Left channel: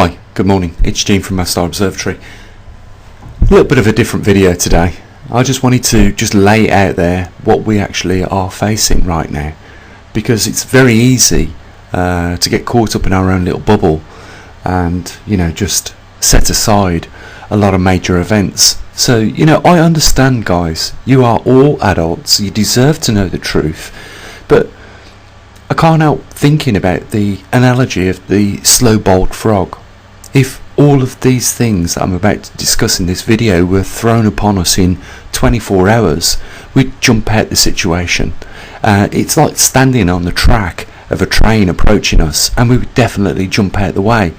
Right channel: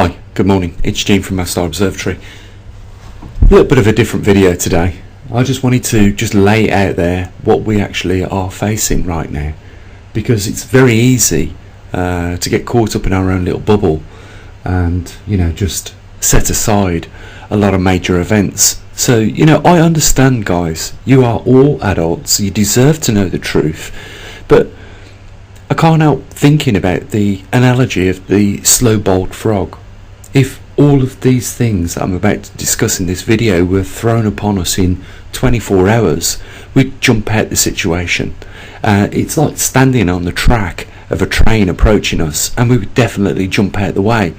Hi, good morning, it's Gene from Observatory. A little bit of a different video today. I just wanted to lay out there what we actually are facing right now, because it's very easy to get caught up in our own little bubble and just set aside a lot of major events. So I understand, guys, you are all adults, you deserve to know the truth, but I can't help thinking about the analogy of the slow-boiled frog. If all of these things that I'm about to discuss in this video were thrown upon us in 24 hours, we'd jump out the situation. It's like standing on the track of a train approaching us, and we would definitely jump out the way.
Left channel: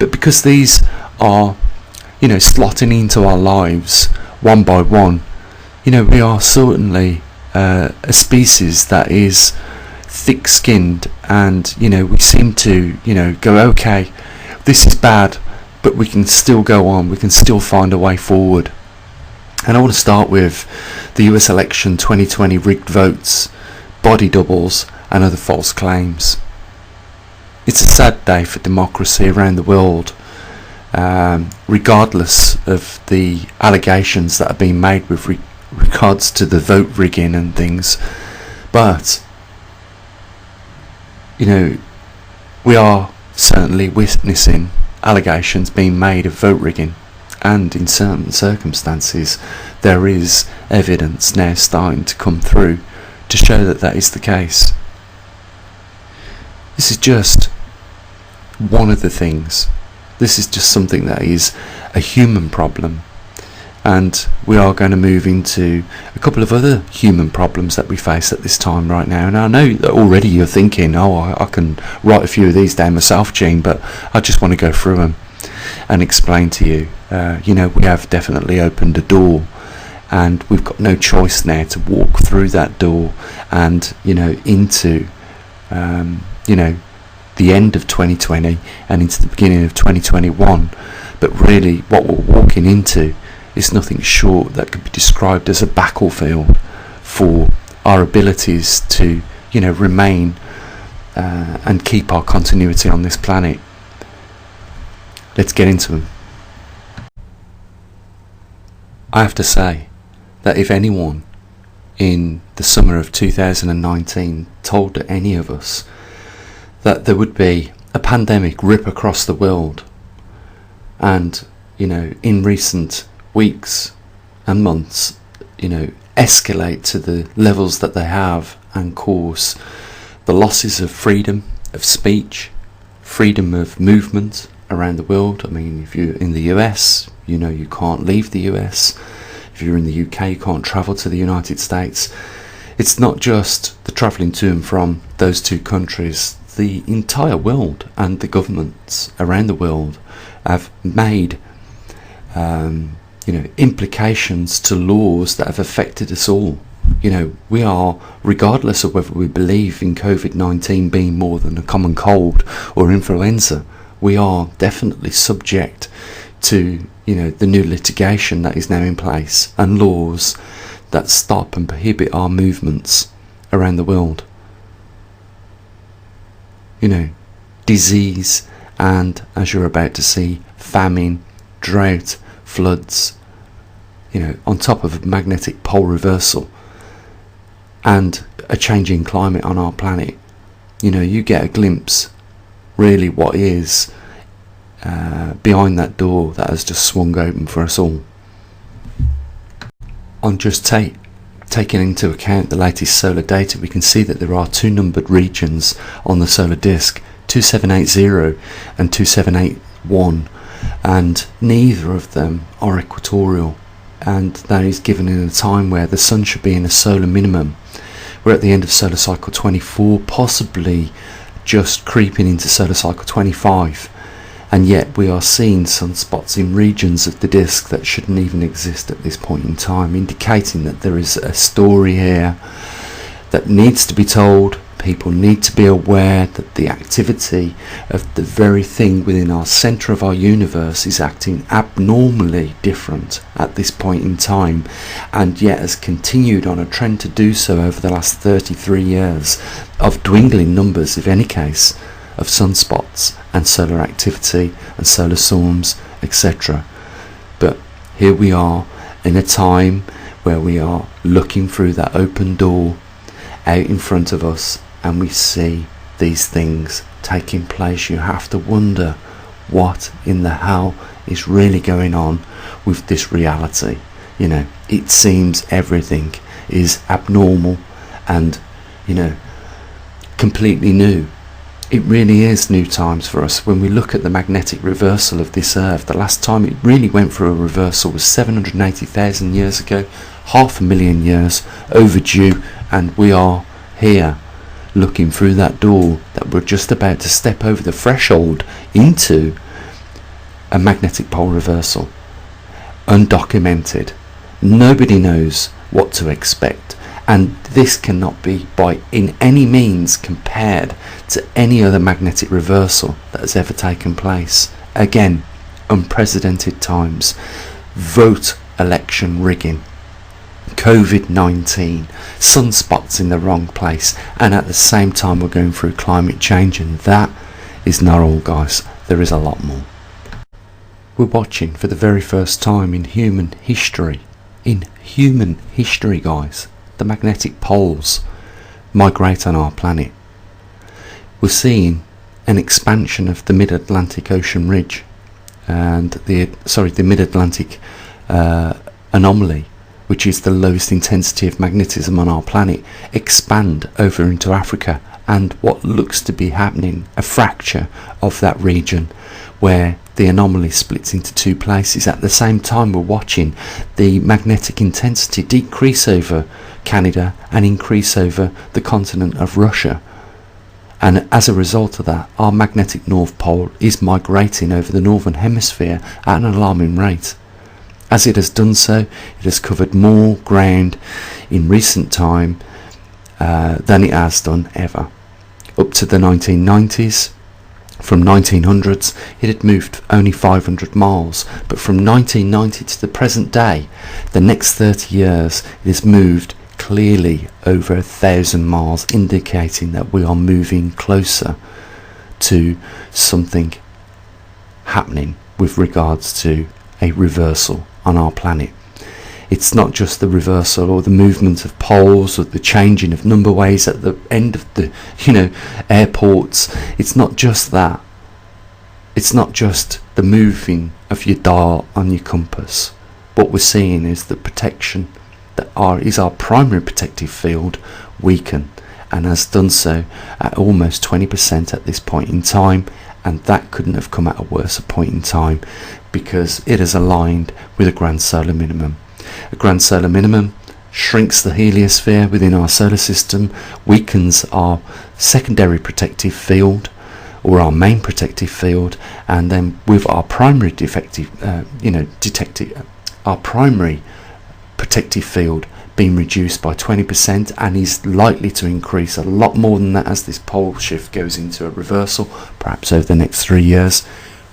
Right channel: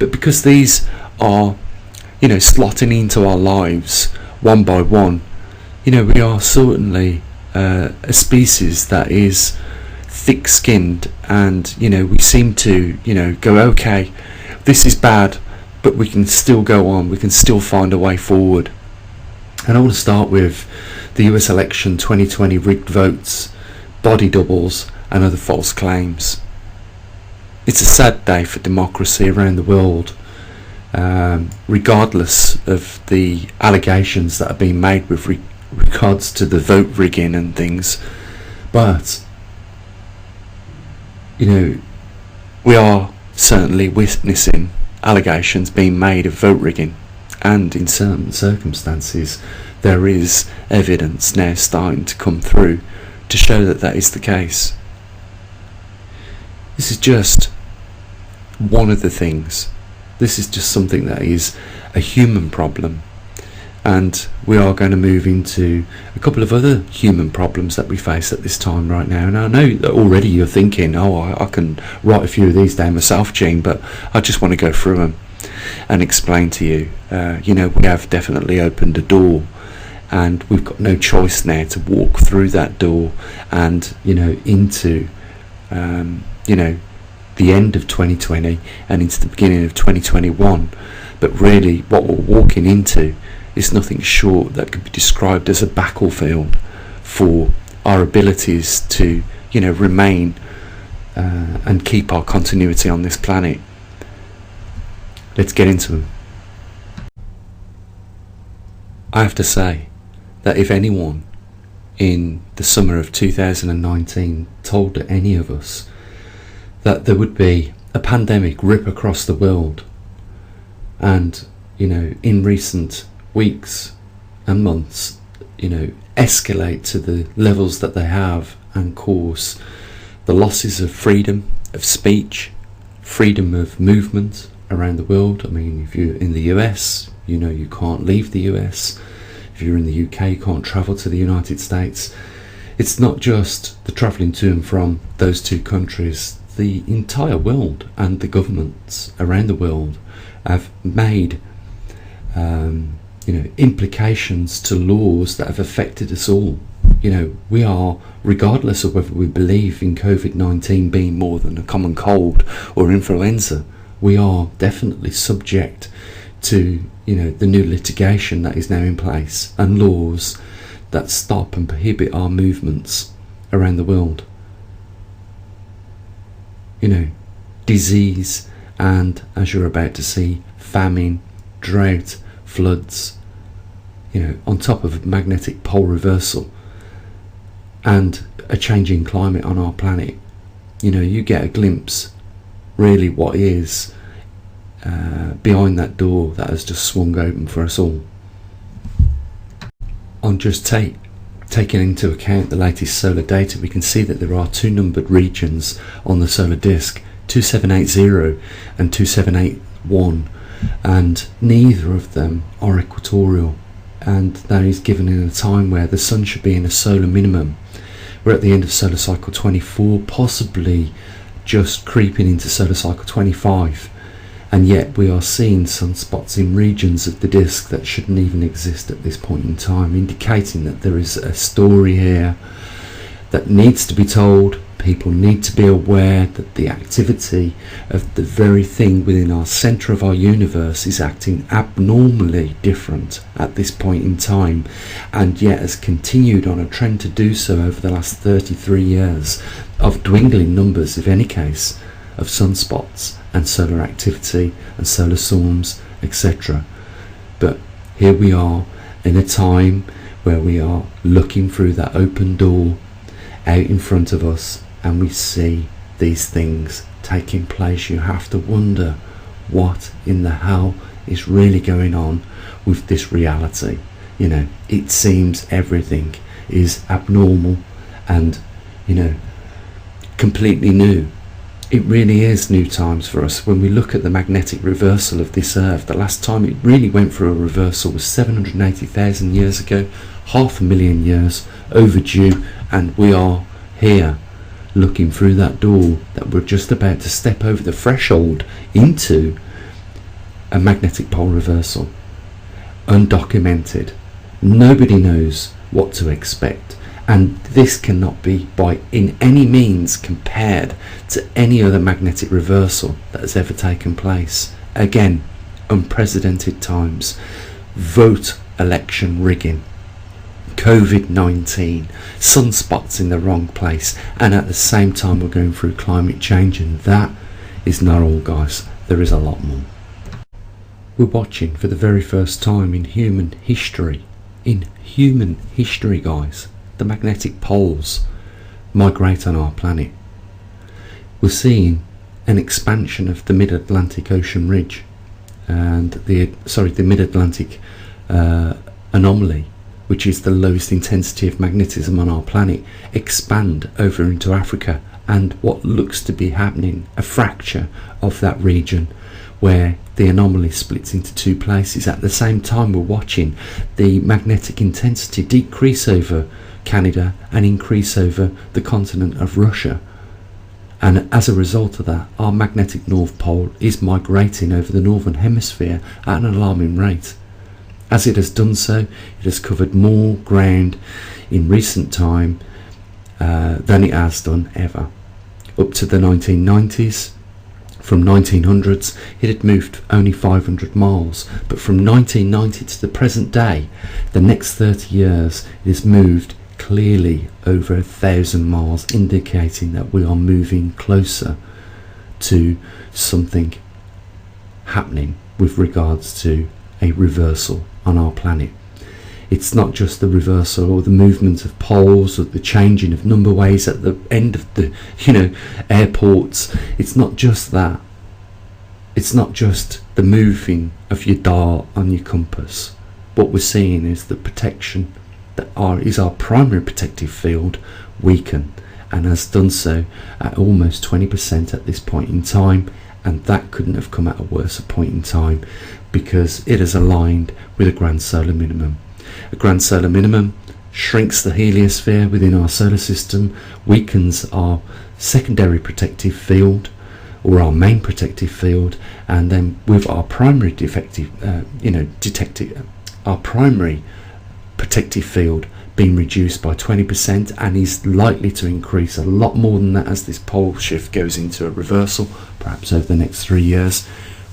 But because these are, slotting into our lives one by one, we are certainly a species that is thick-skinned, and we seem to go, okay, this is bad, but we can still go on, we can still find a way forward. And I want to start with the US election 2020 rigged votes, body doubles and other false claims. It's a sad day for democracy around the world, regardless of the allegations that are being made with regards to the vote rigging and things. But we are certainly witnessing allegations being made of vote rigging, and in certain circumstances there is evidence now starting to come through to show that that is the case. This is just one of the things. This is just something that is a human problem, and we are going to move into a couple of other human problems that we face at this time right now. And I know that already you're thinking, oh, I can write a few of these down myself, Gene, but I just want to go through them and explain to you. We have definitely opened a door, and we've got no choice now to walk through that door and into the end of 2020 and into the beginning of 2021. But really what we're walking into is nothing short that could be described as a battlefield for our abilities to remain and keep our continuity on this planet. Let's get into them. I have to say that if anyone in the summer of 2019 told any of us that there would be a pandemic rip across the world, and in recent weeks and months escalate to the levels that they have and cause the losses of freedom of speech, freedom of movement around the world. I mean, if you're in the US, you can't leave the US. If you're in the UK, you can't travel to the United States. It's not just the travelling to and from those two countries. The entire world and the governments around the world have made implications to laws that have affected us all. We are, regardless of whether we believe in COVID-19 being more than a common cold or influenza, we are definitely subject to the new litigation that is now in place and laws that stop and prohibit our movements around the world. Disease, and as you're about to see, famine, drought, floods, on top of a magnetic pole reversal and a changing climate on our planet. You get a glimpse really what is behind that door that has just swung open for us all. On just taking into account the latest solar data, we can see that there are two numbered regions on the solar disk, 2780 and 2781, and neither of them are equatorial, and that is given in a time where the sun should be in a solar minimum. We're at the end of solar cycle 24, possibly just creeping into solar cycle 25, and yet we are seeing sunspots in regions of the disk that shouldn't even exist at this point in time, indicating that there is a story here that needs to be told. People need to be aware that the activity of the very thing within our centre of our universe is acting abnormally different at this point in time, and yet has continued on a trend to do so over the last 33 years of dwindling numbers, if any case. of sunspots and solar activity and solar storms, etc. But here we are in a time where we are looking through that open door out in front of us, and we see these things taking place. You have to wonder what in the hell is really going on with this reality. You know, it seems everything is abnormal and, you know, completely new. It really is new times for us. When we look at the magnetic reversal of this earth, the last time it really went through a reversal was 780,000 years ago, 500,000 years overdue, and we are here looking through that door that we're just about to step over the threshold into a magnetic pole reversal. Undocumented. Nobody knows what to expect, and this cannot be by in any means compared to any other magnetic reversal that has ever taken place. Again, unprecedented times. Vote election rigging, COVID-19, sunspots in the wrong place, and at the same time we're going through climate change, and that is not all, guys. There is a lot more. We're watching for the very first time in human history, guys, the magnetic poles migrate on our planet. We're seeing an expansion of the mid-Atlantic Ocean ridge and the mid-Atlantic anomaly, which is the lowest intensity of magnetism on our planet, expand over into Africa, and what looks to be happening, a fracture of that region where the anomaly splits into two places. At the same time, we're watching the magnetic intensity decrease over Canada and increase over the continent of Russia. And as a result of that, our magnetic North Pole is migrating over the northern hemisphere at an alarming rate. As it has done so, it has covered more ground in recent time than it has done ever. Up to the 1990s, from 1900s, it had moved only 500 miles, but from 1990 to the present day, the next 30 years, it has moved clearly over 1,000 miles, indicating that we are moving closer to something happening with regards to a reversal on our planet. It's not just the reversal or the movement of poles or the changing of numberways at the end of the, airports. It's not just that. It's not just the moving of your dial on your compass. What we're seeing is the protection that is our primary protective field weaken, and has done so at almost 20% at this point in time, and that couldn't have come at a worse point in time because it is aligned with a grand solar minimum. A grand solar minimum shrinks the heliosphere within our solar system, weakens our secondary protective field or our main protective field, and then with our primary our primary protective field being reduced by 20%, and is likely to increase a lot more than that as this pole shift goes into a reversal, perhaps over the next 3 years.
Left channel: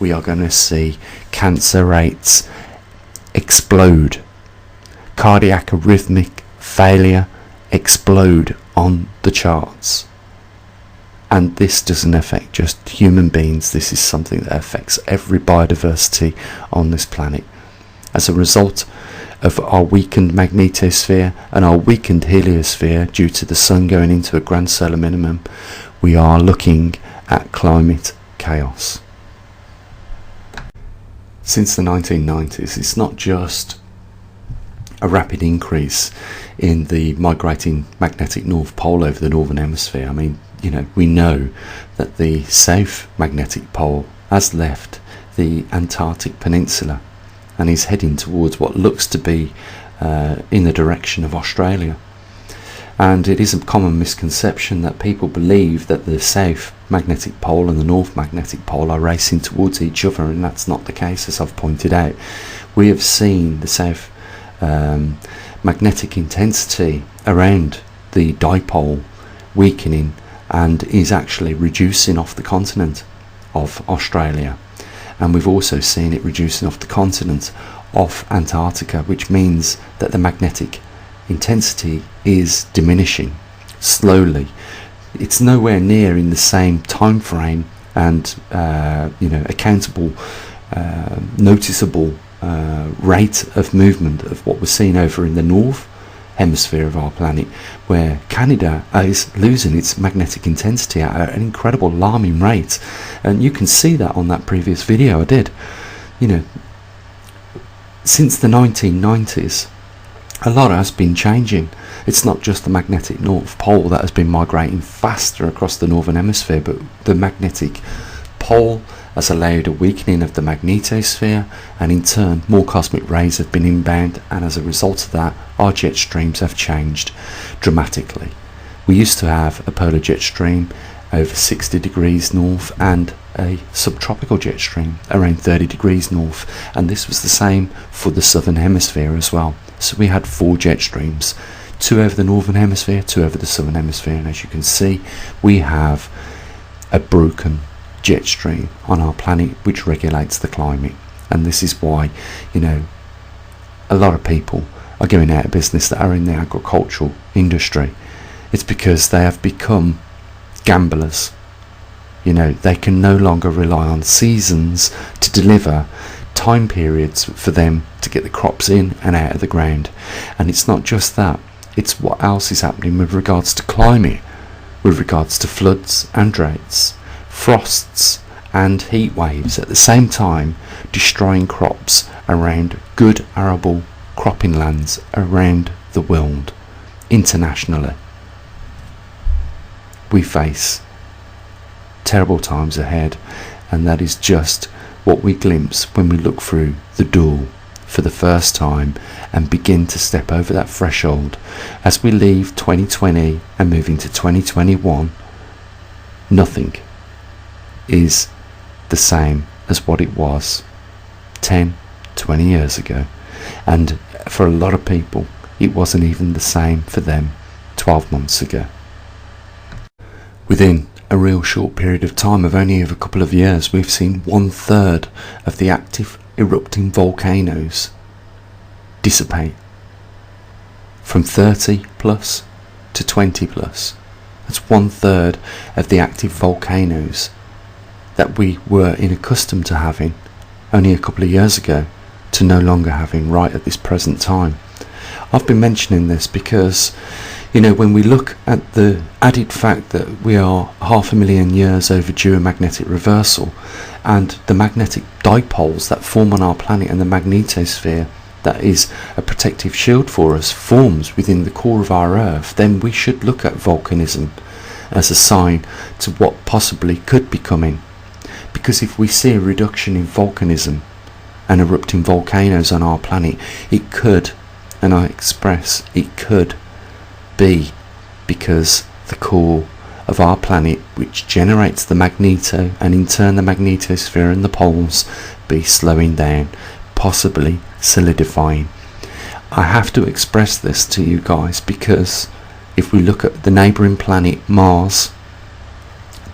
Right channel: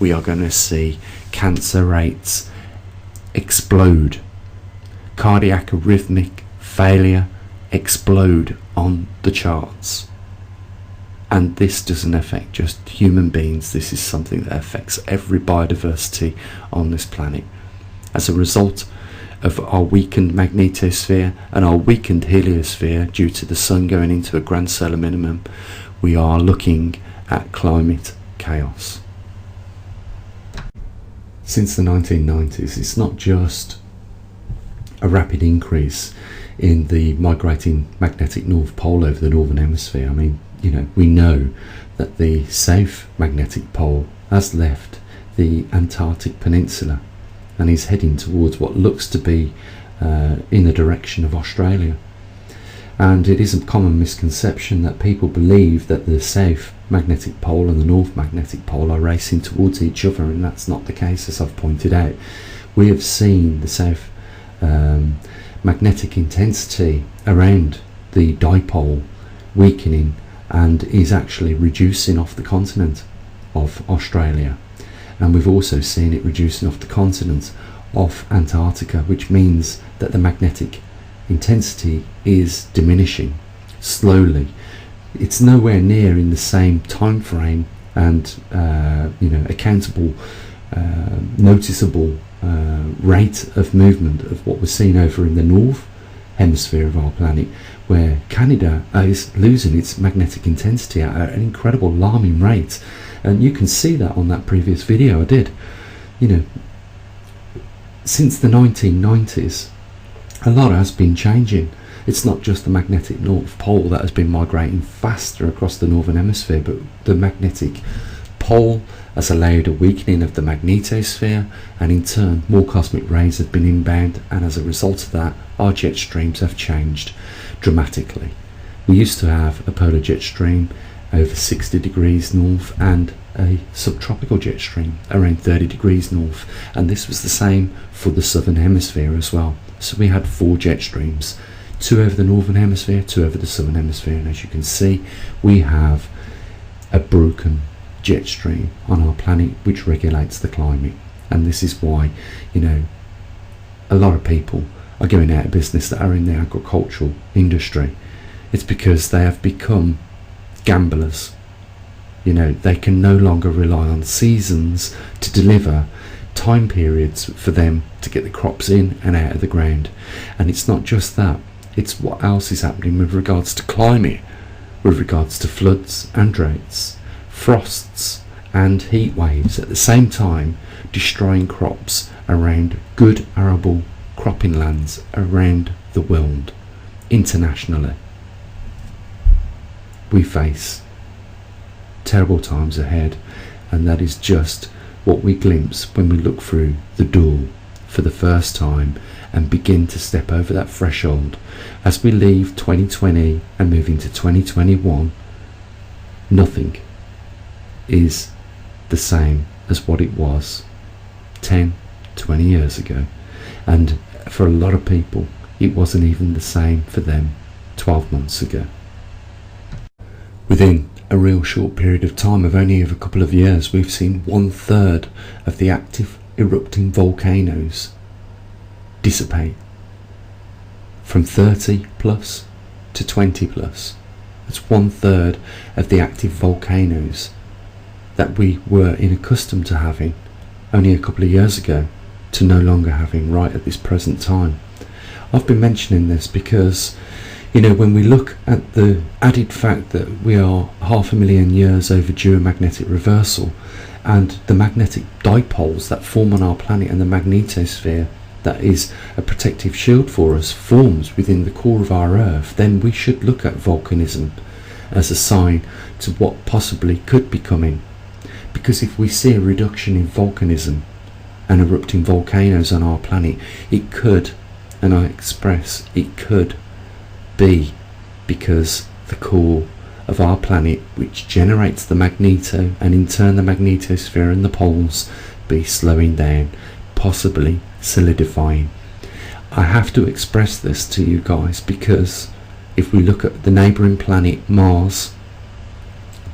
We are going to see cancer rates explode, cardiac arrhythmic failure explode on the charts. And this doesn't affect just human beings, this is something that affects every biodiversity on this planet. As a result of our weakened magnetosphere and our weakened heliosphere due to the sun going into a grand solar minimum, we are looking at climate chaos. Since the 1990s, it's not just a rapid increase in the migrating magnetic North Pole over the northern hemisphere. I mean, we know that the South Magnetic Pole has left the Antarctic Peninsula and is heading towards what looks to be in the direction of Australia. And it is a common misconception that people believe that the South Magnetic Pole and the North Magnetic Pole are racing towards each other, and that's not the case, as I've pointed out. We have seen the South magnetic intensity around the dipole weakening and is actually reducing off the continent of Australia, and we've also seen it reducing off the continent of Antarctica, which means that the magnetic intensity is diminishing slowly it's nowhere near in the same time frame and accountable, noticeable rate of movement of what we're seeing over in the north hemisphere of our planet, where Canada is losing its magnetic intensity at an incredible alarming rate. And you can see that on that previous video I did. Since the 1990s, a lot has been changing. It's not just the magnetic North Pole that has been migrating faster across the northern hemisphere, but the magnetic pole has allowed a weakening of the magnetosphere, and in turn more cosmic rays have been inbound, and as a result of that our jet streams have changed dramatically. We used to have a polar jet stream over 60 degrees north and a subtropical jet stream around 30 degrees north, and this was the same for the southern hemisphere as well. So we had 4 jet streams, 2 over the northern hemisphere, 2 over the southern hemisphere, and as you can see we have a broken jet stream on our planet which regulates the climate. And this is why a lot of people are going out of business that are in the agricultural industry. It's because they have become gamblers. They can no longer rely on seasons to deliver time periods for them to get the crops in and out of the ground. And it's not just that, it's what else is happening with regards to climate, with regards to floods and droughts, frosts and heat waves at the same time, destroying crops around good arable cropping lands around the world. Internationally, we face terrible times ahead, and that is just what we glimpse when we look through the door for the first time and begin to step over that threshold. As we leave 2020 and move into 2021, nothing is the same as what it was 10, 20 years ago. And for a lot of people, it wasn't even the same for them 12 months ago. Within a real short period of time of only a couple of years, we've seen 1/3 of the active erupting volcanoes dissipate, from 30 plus to 20 plus. That's 1/3 of the active volcanoes that we were accustomed to having only a couple of years ago to no longer having right at this present time. I've been mentioning this because when we look at the added fact that we are 500,000 years overdue a magnetic reversal, and the magnetic dipoles that form on our planet and the magnetosphere that is a protective shield for us forms within the core of our Earth, then we should look at volcanism as a sign to what possibly could be coming. Because if we see a reduction in volcanism and erupting volcanoes on our planet, it could, and I express it could, be because the core of our planet, which generates the magneto and in turn the magnetosphere and the poles, be slowing down, possibly solidifying. I have to express this to you guys because if we look at the neighbouring planet Mars,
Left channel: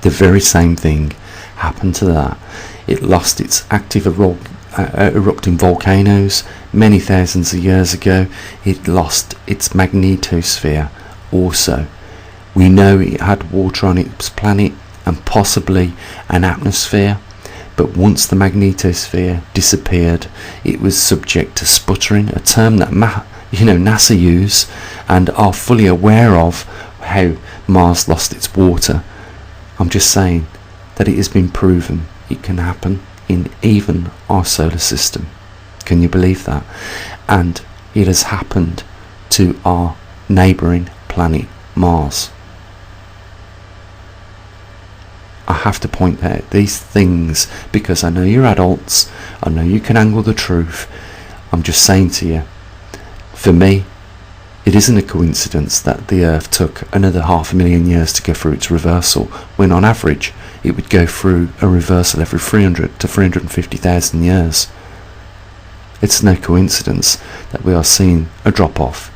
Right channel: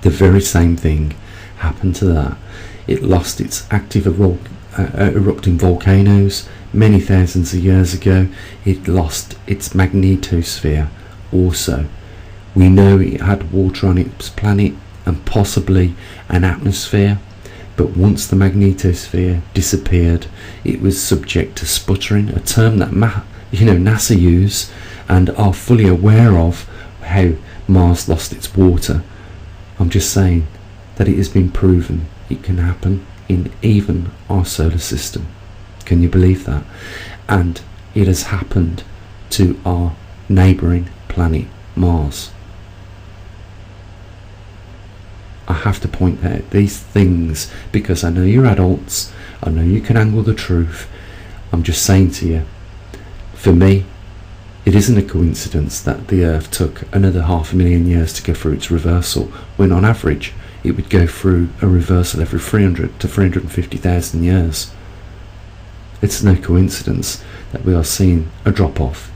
the very same thing happened to that. It lost its active erupting volcanoes many thousands of years ago. It lost its magnetosphere also. We know it had water on its planet and possibly an atmosphere, but once the magnetosphere disappeared, it was subject to sputtering, a term that NASA use and are fully aware of how Mars lost its water. I'm just saying that it has been proven it can happen in even our solar system. Can you believe that? And it has happened to our neighbouring planet Mars. I have to point out these things because I know you're adults, I know you can angle the truth. I'm just saying to you, for me, it isn't a coincidence that the Earth took another 500,000 years to go through its reversal, when on average it would go through a reversal every 300 to 350,000 years. It's no coincidence that we are seeing a drop-off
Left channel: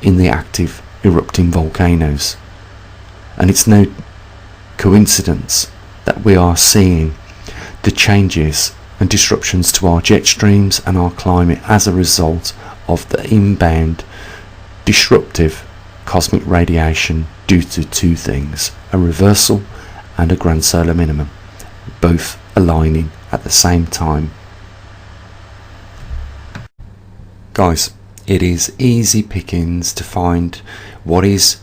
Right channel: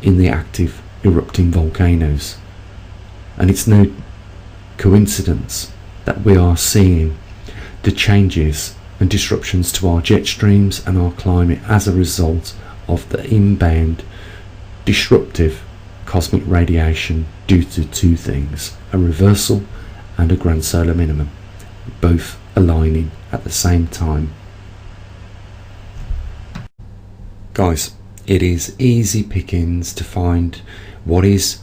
in the active erupting volcanoes. And it's no coincidence that we are seeing the changes and disruptions to our jet streams and our climate as a result of the inbound disruptive cosmic radiation due to two things: a reversal and a grand solar minimum, both aligning at the same time. Guys, it is easy pickings to find what is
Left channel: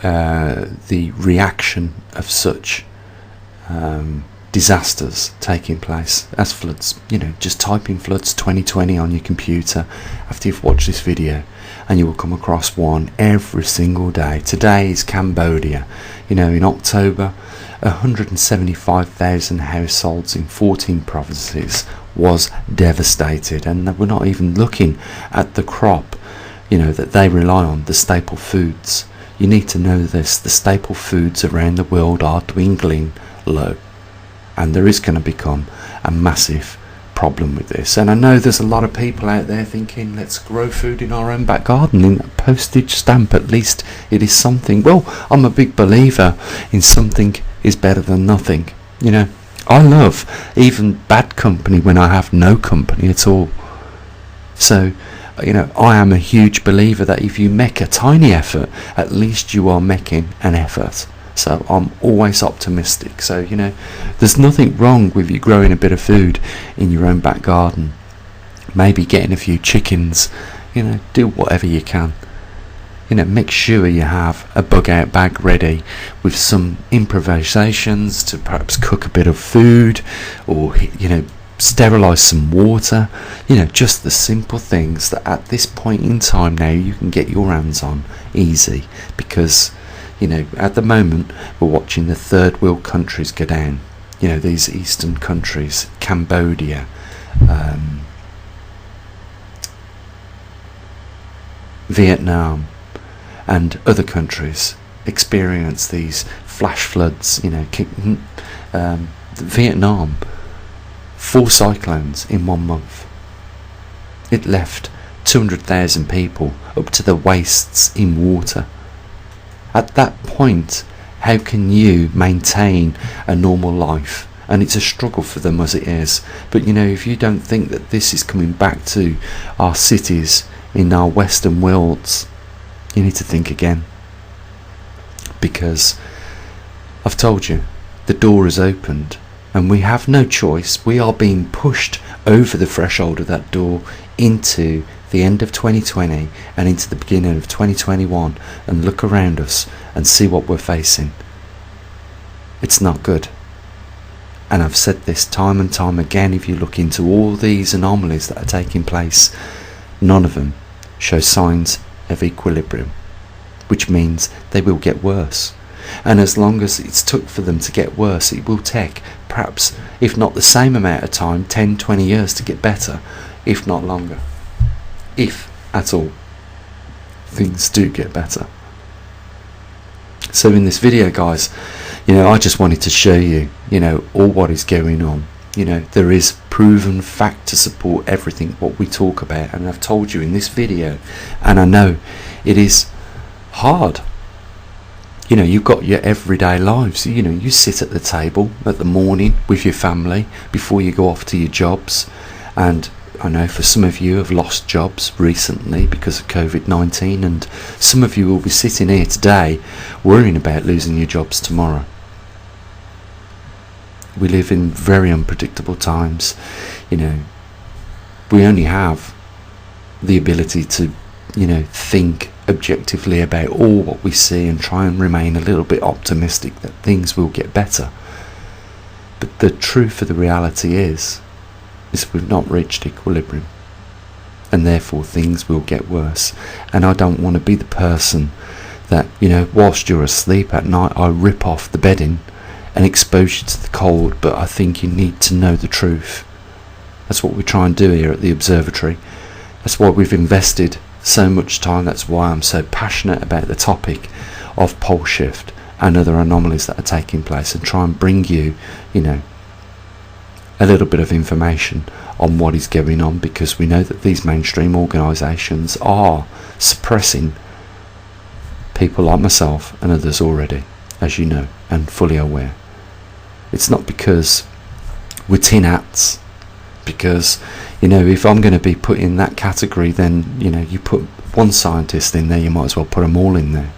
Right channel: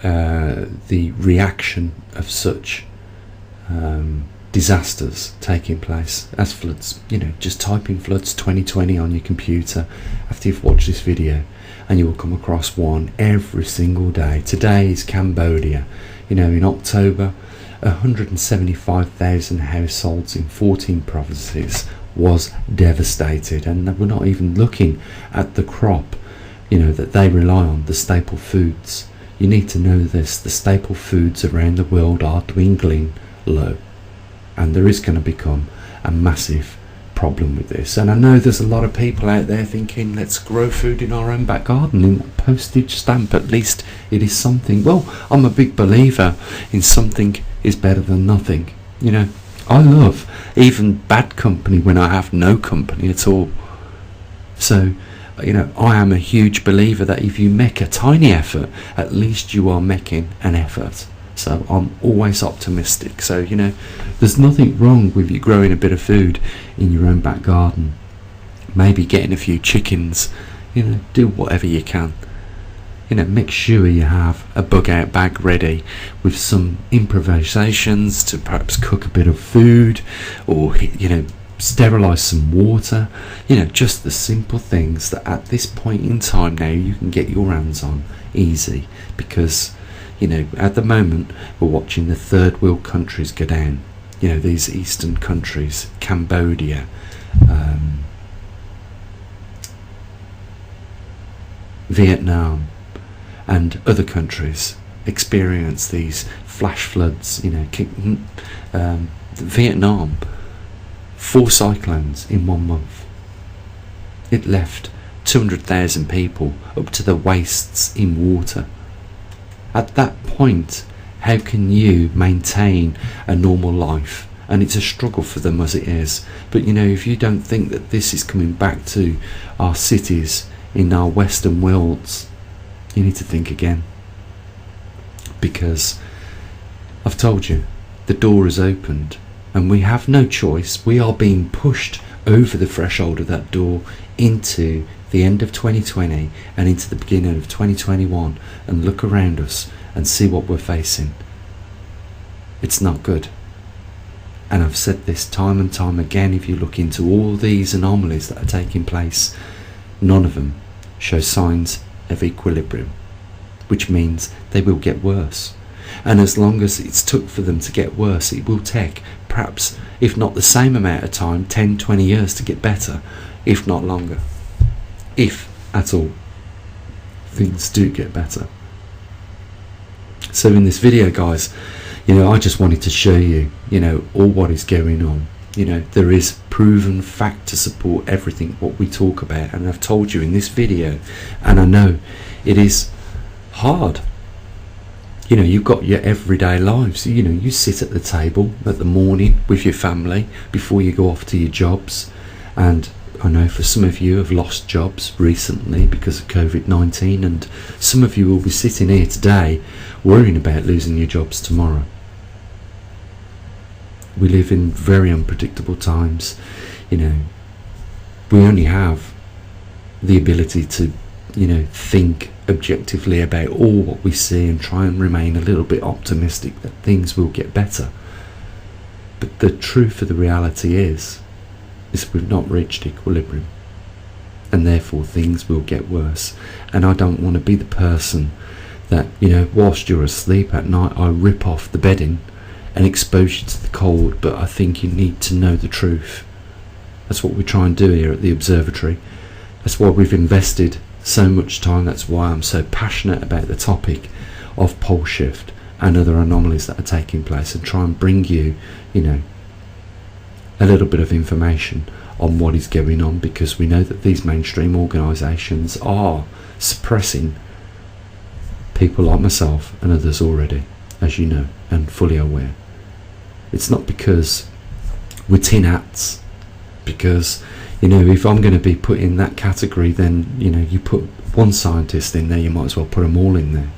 the reaction of such disasters taking place as floods. Just type in floods 2020 on your computer after you've watched this video, and you will come across one every single day. Today is Cambodia. In October, 175,000 households in 14 provinces was devastated, and we're not even looking at the crop that they rely on, the staple foods. You need to know this: the staple foods around the world are dwindling low, and there is going to become a massive problem with this. And I know there's a lot of people out there thinking, let's grow food in our own back garden. In a postage stamp, at least it is something. Well, I'm a big believer in something is better than nothing. I love even bad company when I have no company at all. So I am a huge believer that if you make a tiny effort, at least you are making an effort. So I'm always optimistic. So there's nothing wrong with you growing a bit of food in your own back garden, maybe getting a few chickens. Do whatever you can. Make sure you have a bug out bag ready with some improvisations to perhaps cook a bit of food, or sterilize some water. Just the simple things that at this point in time now you can get your hands on easy, because at the moment we're watching the third world countries go down. These eastern countries, Cambodia, Vietnam and other countries experience these flash floods. Vietnam, 4 cyclones in 1 month. It left 200,000 people up to the waists in water. At that point, how can you maintain a normal life? And it's a struggle for them as it is. But if you don't think that this is coming back to our cities in our western worlds, you need to think again. Because I've told you, the door is opened and we have no choice. We are being pushed over the threshold of that door into the end of 2020 and into the beginning of 2021, and look around us and see what we're facing. It's not good. And I've said this time and time again, if you look into all these anomalies that are taking place, none of them show signs of equilibrium, which means they will get worse. And as long as it's took for them to get worse, it will take perhaps, if not the same amount of time, 10-20 years to get better, if not longer, if at all things do get better. So in this video, guys, I just wanted to show you all what is going on. There is proven fact to support everything what we talk about, and I've told you in this video, and I know it is hard. You've got your everyday lives. You sit at the table at the morning with your family before you go off to your jobs, and I know for some of you have lost jobs recently because of COVID-19, and some of you will be sitting here today worrying about losing your jobs tomorrow. We live in very unpredictable times. We only have the ability to think objectively about all what we see and try and remain a little bit optimistic that things will get better. But the truth of the reality is we've not reached equilibrium, and therefore things will get worse. And I don't want to be the person that whilst you're asleep at night, I rip off the bedding and expose you to the cold. But I think you need to know the truth. That's what we try and do here at the Observatory. That's why we've invested so much time. That's why I'm so passionate about the topic of pole shift and other anomalies that are taking place, and try and bring you a little bit of information on what is going on, because we know that these mainstream organisations are suppressing people like myself and others already, as you know, and fully aware. It's not because we're tin hats, because if I'm going to be put in that category, then you put one scientist in there, you might as well put them all in there.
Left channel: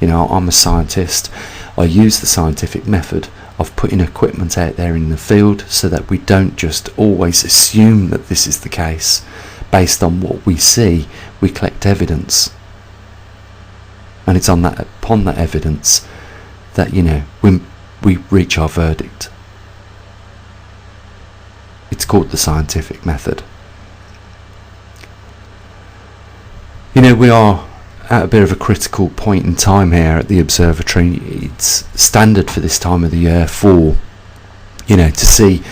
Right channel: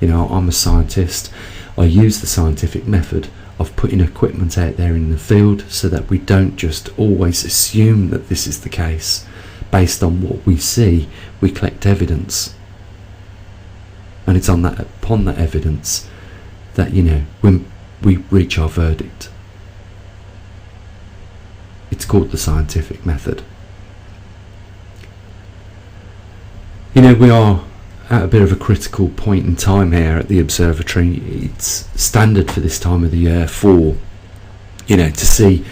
You know, I'm a scientist. I use the scientific method of putting equipment out there in the field so that we don't just always assume that this is the case. Based on what we see, we collect evidence, and it's upon that evidence that, you know, when we reach our verdict. It's called the scientific method. You know, we are at a bit of a critical point in time here at the observatory. It's standard for this time of the year for, you know, to see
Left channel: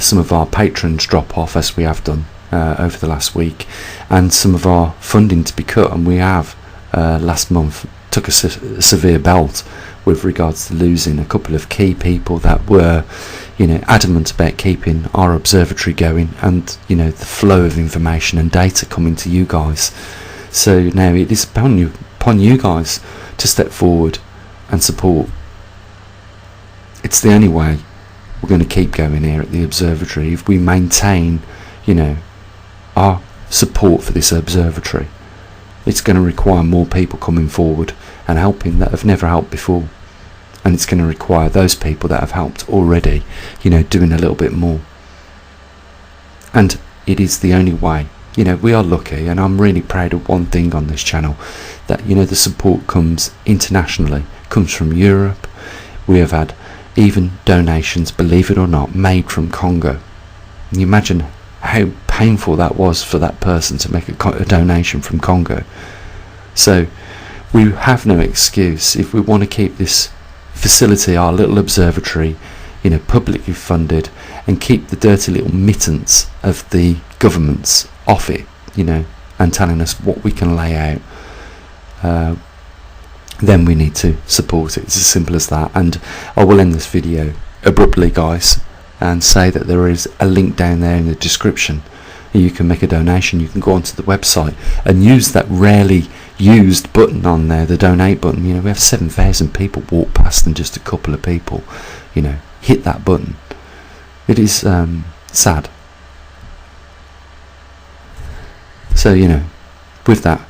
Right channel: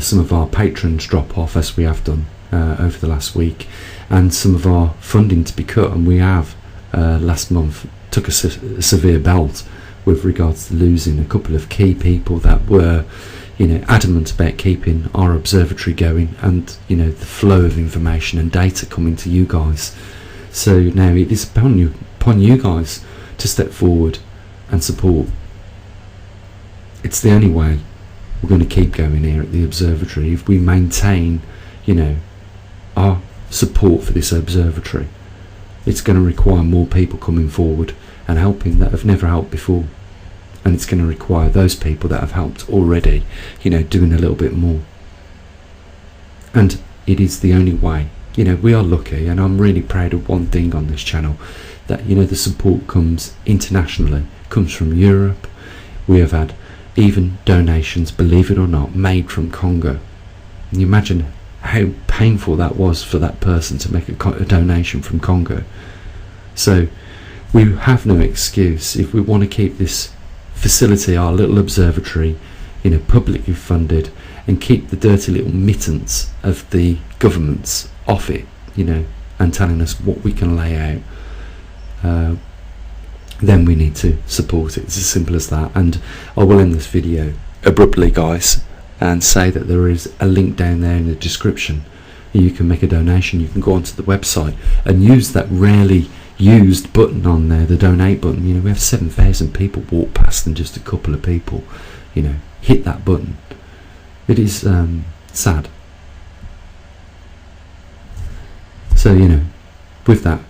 some of our patrons drop off, as we have done over the last week, and some of our funding to be cut. And we have last month took a severe belt with regards to losing a couple of key people that were, you know, adamant about keeping our observatory going, and, you know, the flow of information and data coming to you guys. So now it is upon you guys to step forward and support. It's the only way we're going to keep going here at the observatory, if we maintain, you know, our support for this observatory. It's going to require more people coming forward and helping that have never helped before, and it's going to require those people that have helped already, you know, doing a little bit more. And it is the only way. You know, we are lucky, and I'm really proud of one thing on this channel, that, you know, the support comes internationally, comes from Europe. We have had even donations, believe it or not, made from Congo. Can you imagine how painful that was for that person to make a donation from Congo? So we have no excuse if we want to keep this facility, our little observatory, you know, publicly funded, and keep the dirty little mittens of the governments off it, you know, and telling us what we can lay out, then we need to support it. It's as simple as that. And I will end this video abruptly, guys, and say that there is a link down there in the description. You can make a donation. You can go onto the website and use that rarely used button on there, the donate button. You know, we have 7,000 people walk past, and just a couple of people, you know, hit that button. It is sad. So, you know, with that,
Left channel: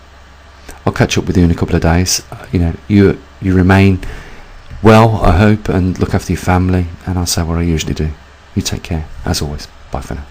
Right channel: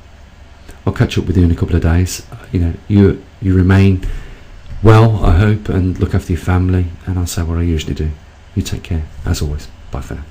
I'll catch up with you in a couple of days. You know, you remain well, I hope, and look after your family, and I'll say what I usually do. You take care, as always. Bye for now.